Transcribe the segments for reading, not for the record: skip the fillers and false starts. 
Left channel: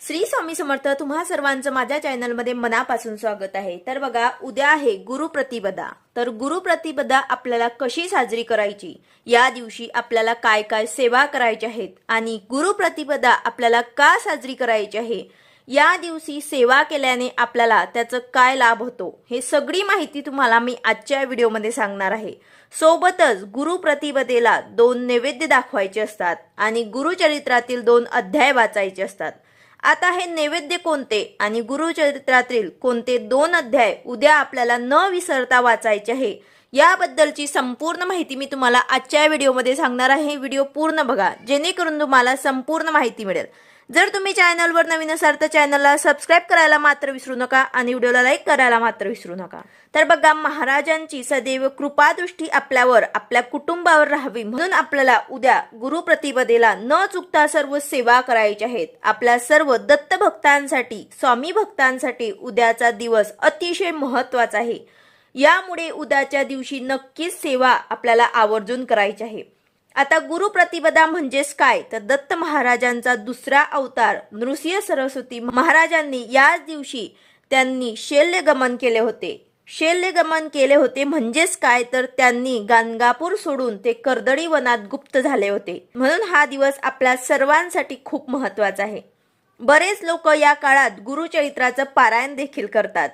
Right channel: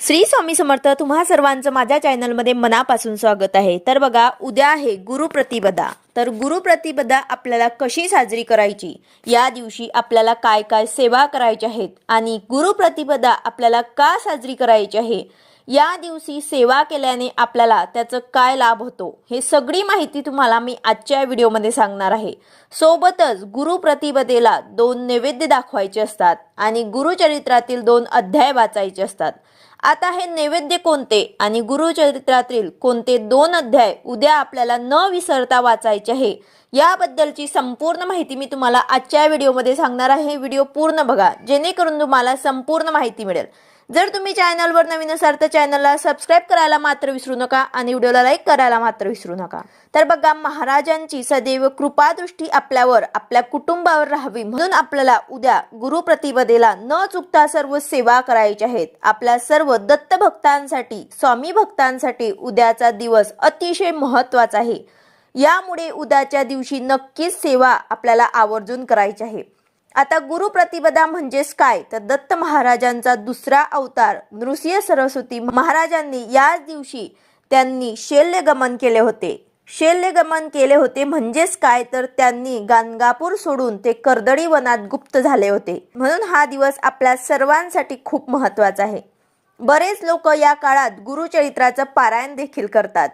श्री स्वामी समर्थ तुम्हा सर्वांचं माझ्या चॅनलमध्ये मनापासून स्वागत आहे। तर बघा, उद्या आहे गुरुप्रतिपदा। तर गुरुप्रतिपदा आपल्याला कशी साजरी करायची, या दिवशी आपल्याला काय काय सेवा करायच्या आहेत आणि गुरुप्रतिपदा आपल्याला का साजरी करायची आहे, या दिवशी सेवा केल्याने आपल्याला त्याचा काय लाभ होतो, हे सगळी माहिती तुम्हाला मी आजच्या व्हिडिओमध्ये सांगणार आहे। सोबतच गुरुप्रतिपदेला 2 नैवेद्य दाखवायचे असतात आणि गुरुचरित्रातील 2 अध्याय वाचायचे असतात। आता हे नैवेद्य कोणते आणि गुरुचरित्रातील कोणते 2 अध्याय उद्या आपल्याला न विसरता वाचायचे आहे, याबद्दलची संपूर्ण माहिती मी तुम्हाला आजच्या व्हिडिओमध्ये सांगणार आहे। व्हिडिओ पूर्ण बघा जेणेकरून तुम्हाला संपूर्ण माहिती मिळेल। जर तुम्ही चॅनलवर नवीन असाल तर चॅनलला सबस्क्राइब करायला मात्र विसरू नका आणि व्हिडिओला लाईक करायला मात्र विसरू नका। तर बघा, महाराजांची सदैव कृपादृष्टी आपल्यावर, आपल्या कुटुंबावर राहावी म्हणून आपल्याला उद्या गुरुप्रतिपदेला न चुकता सर्व सेवा करायच्या आहेत। आपल्या सर्व दत्त भक्तांसाठी, स्वामी भक्तांसाठी उद्याचा दिवस अतिशय महत्त्वाचा आहे। यामुळे उद्याच्या दिवशी नक्कीच सेवा आपल्याला आवर्जून करायची आहे। आता गुरुप्रतिपदा म्हणजेच काय, तर दत्त महाराजांचा दुसरा अवतार नृसिंह सरस्वती महाराजांनी याच दिवशी त्यांनी शैल्यगमन केले होते। शैल्यगमन केले होते म्हणजेच काय, तर त्यांनी गाणगापूर सोडून ते कर्दळी वनात गुप्त झाले होते। म्हणून हा दिवस आपल्या सर्वांसाठी खूप महत्त्वाचा आहे। बरेच लोक या काळात गुरुचरित्राचं पारायण देखील करतात।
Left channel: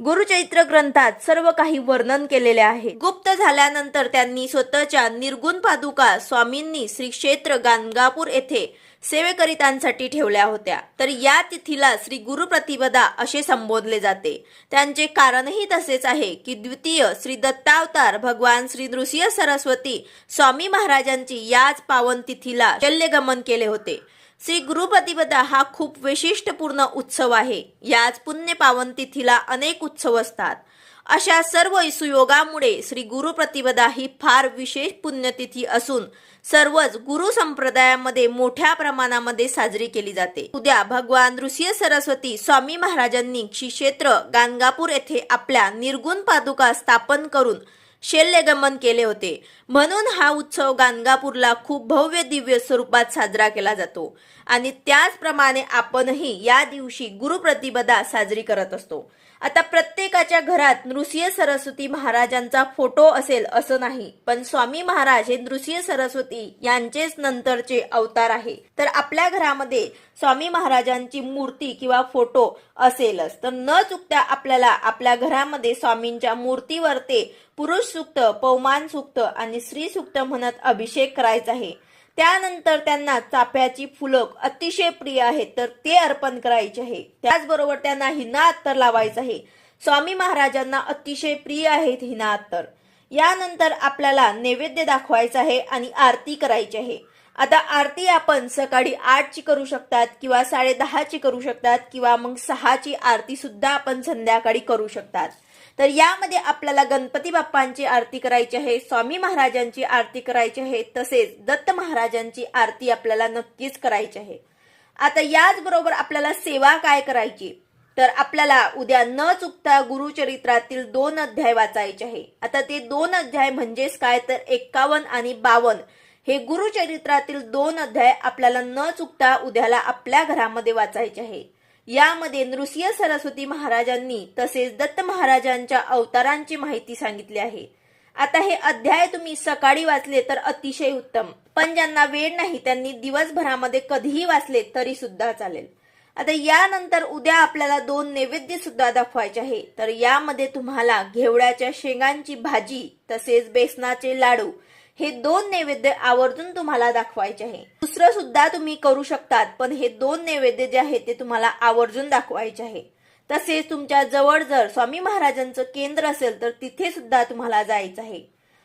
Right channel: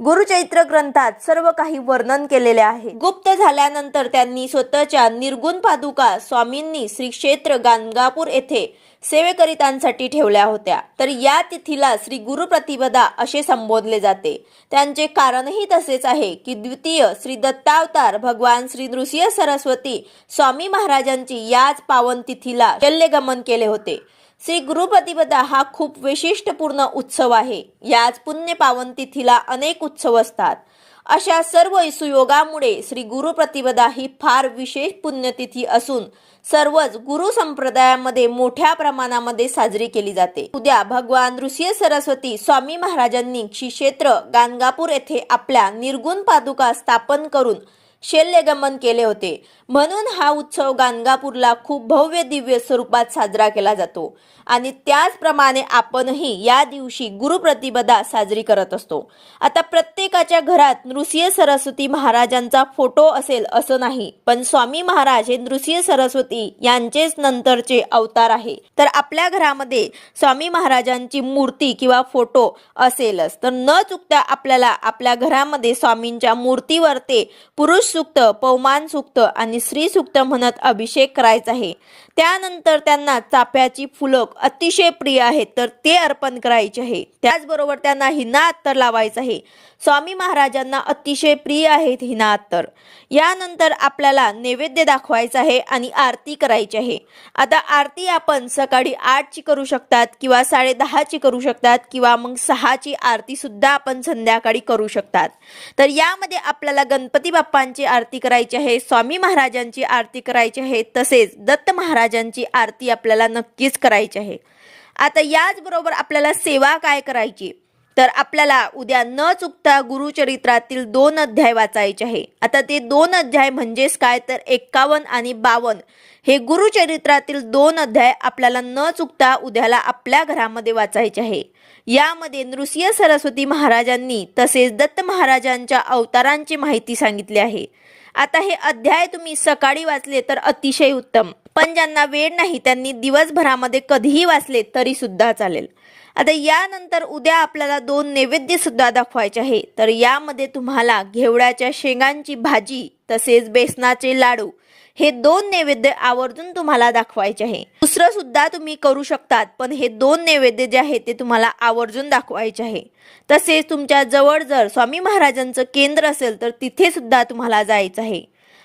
गुरुचरित्र ग्रंथात सर्व काही वर्णन केलेले आहे। गुप्त झाल्यानंतर त्यांनी स्वतःच्या निर्गुण पादुका स्वामींनी श्री क्षेत्र गाणगापूर येथे सेवेकरितांसाठी ठेवल्या होत्या। तर या तिथीला श्री गुरुप्रतिपदा असे संबोधले जाते। त्यांचे कारणही तसेच आहे की द्वितीय श्री दत्तावतार भगवान श्री नृसिंह सरस्वती स्वामी महाराजांची याच पावन तिथीला शल्यगमन केले होते। श्री गुरुप्रतिपदा हा खूप वैशिष्ट्यपूर्ण उत्सव आहे। याच पुण्य पावन तिथीला अनेक उत्सव असतात। अशा सर्व सुयोगामुळे श्री गुरुप्रतिपदा ही फार विशेष पुण्यतिथी असून सर्वच गुरु संप्रदायामध्ये मोठ्या प्रमाणामध्ये साजरी केली जाते। उद्या भगवान नृसिंह सरस्वती स्वामी महाराजांनी श्री क्षेत्र गाणगापूर येथे आपल्या निर्गुण पादुका स्थापन करून शैल्यगमन केले होते। म्हणून हा उत्सव गाणगापूरला खूप भव्य दिव्य स्वरूपात साजरा केला जातो आणि त्याचप्रमाणे आपणही या दिवशी गुरुप्रतिपदा साजरी करत असतो। आता प्रत्येकाच्या घरात नृसिंह सरस्वती महाराजांचा फोटो असेल असं नाही, पण स्वामी महाराज हे नृसिंह सरस्वती यांचेच नंतरचे अवतार आहे। तर आपल्या घरामध्ये स्वामी महाराजांची मूर्ती किंवा फोटो असेलच, तर न चुकता आपल्याला आपल्या घरामध्ये स्वामींच्या मूर्तीवर ते पुरुष सूक्त, पौमान सूक्त आणि स्त्री सूक्त म्हणत अभिषेक करायचा आहे। त्यानंतर त्यांना चाफ्याची फुलं अतिशय प्रिय आहेत, तर ते अर्पण करायचे आहे। त्याचबरोबर त्यांना हिना अत्तर लावायचं आहे। स्वामी महाराजांना अतिशय प्रिय आहेत हिना अत्तर। यानंतर आपल्याला नैवेद्य दाखवायचा आहे आणि आरती करायची आहे। आता आरती आपण सकाळी 8 ची करू शकतात किंवा 10:30 ची करू शकतात किंवा मग 6 ची आरती सुद्धा आपण संध्याकाळी करू शकतात। तर यामध्ये आपल्याला गणपती बाप्पांची आरती करायची आहे, स्वामी महाराजांची आरती करायची आहे, तसेच दत्त महाराजांची आरती आपल्याला नक्कीच करायची आहे। आता याचबरोबर आपल्याला सेवा काय करायची, तर आपल्याला उद्या न चुकता गुरुचरित्रातील 2 अध्याय वाचायचे आहे। आता ते 2 अध्याय म्हणजेच काय, तर 51 आणि 52 हे गुरुचरित्रातील 2 अध्याय आपल्याला न चुकता उद्याला आपल्या घरामध्ये वाचायचे आहे। यामध्ये नृसिंह सरस्वती महाराजांनी तसेच दत्त महाराजांच्या अवतारांची माहिती सांगितली आहे। आता हे अध्याय तुम्ही सकाळी वाचले तर अतिशय उत्तम, पण ज्यांना वेळ नाही त्यांनी दिवसभरामध्ये कधीही वाचले तरी सुद्धा चालेल। आता यानंतर उद्या आपल्याला 2 नैवेद्य सुद्धा दाखवायचे आहे। तर यामध्ये तुम्हाला घेवड्याच्या शेंगांची भाजी तसेच बेसनाचे लाडू हे 2 नैवेद्य आवर्जून तुम्हाला दाखवायचे आहे। दुसरं सुद्धा तुम्ही करू शकतात, पण हे 2 नैवेद्य जे आहे ते तुम्हाला आवर्जून दाखवायचे आहे। तसेच तुमच्या जवळ जर स्वामी महाराजांचं केंद्र असेल तर तिथे सुद्धा तुम्हाला जायचं आहे।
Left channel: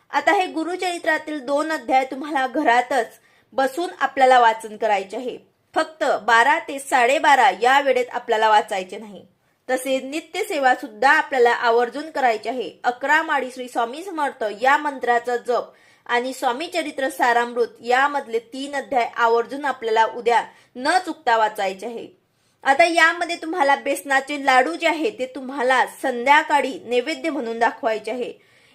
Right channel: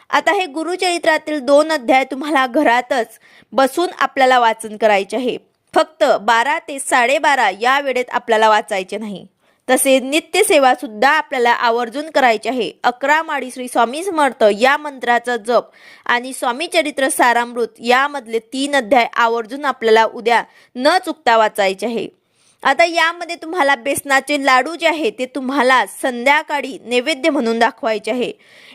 आता हे गुरुचरित्रातील 2 अध्याय तुम्हाला घरातच बसून आपल्याला वाचन करायचे आहे। फक्त 12 ते 12:30 या वेळेत आपल्याला वाचायचे नाही। तसेच नित्यसेवा सुद्धा आपल्याला आवर्जून करायची आहे। 11 माळी श्री स्वामी समर्थ या मंत्राचा जप आणि स्वामी चरित्र सारामृत यामधले 3 अध्याय आवर्जून आपल्याला उद्या न चुकता वाचायचे आहे। आता यामध्ये तुम्हाला बेसनाचे लाडू जे आहे ते तुम्हाला संध्याकाळी नैवेद्य म्हणून दाखवायचे आहे।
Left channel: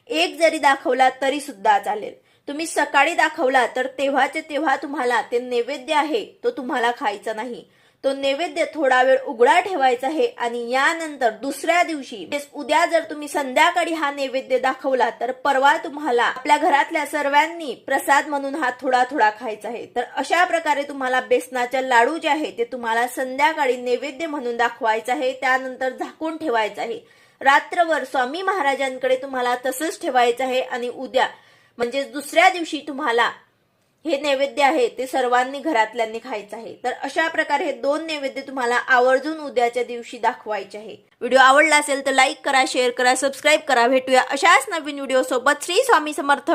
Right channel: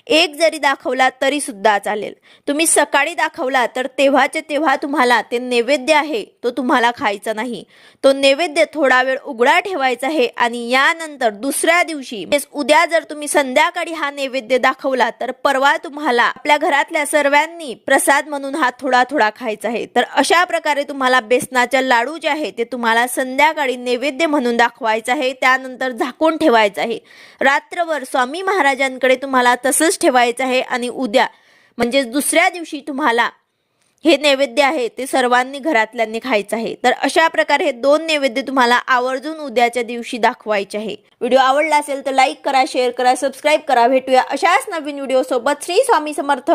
एक जरी दाखवला तरी सुद्धा चालेल। तुम्ही सकाळी दाखवला तर तेव्हाचे तेव्हा तुम्हाला ते नैवेद्य आहे तो तुम्हाला खायचा नाही, तो नैवेद्य थोडा वेळ उघडा ठेवायचा आहे आणि यानंतर दुसऱ्या दिवशी उद्या जर तुम्ही संध्याकाळी हा नैवेद्य दाखवला तर परवा तुम्हाला आपल्या घरातल्या सर्वांनी प्रसाद म्हणून हा थोडा थोडा खायचा आहे। तर अशा प्रकारे तुम्हाला बेसनाच्या लाडू जे आहे ते तुम्हाला संध्याकाळी नैवेद्य म्हणून दाखवायचं आहे, त्यानंतर झाकून ठेवायचं आहे। रात्रभर स्वामी महाराजांकडे तुम्हाला तसंच ठेवायचं आहे आणि उद्या म्हणजे दुसऱ्या दिवशी तुम्हाला हे नैवेद्य आहे ते सर्वांनी घरातल्यांनी खायचं आहे। तर अशा प्रकारे हे 2 नैवेद्य तुम्हाला आवर्जून उद्याच्या दिवशी दाखवायचे आहे। व्हिडिओ आवडला असेल तर लाईक करा, शेअर करा, सबस्क्राईब करा। भेटूया अशाच नवीन व्हिडिओ सोबत। श्री स्वामी समर्थ।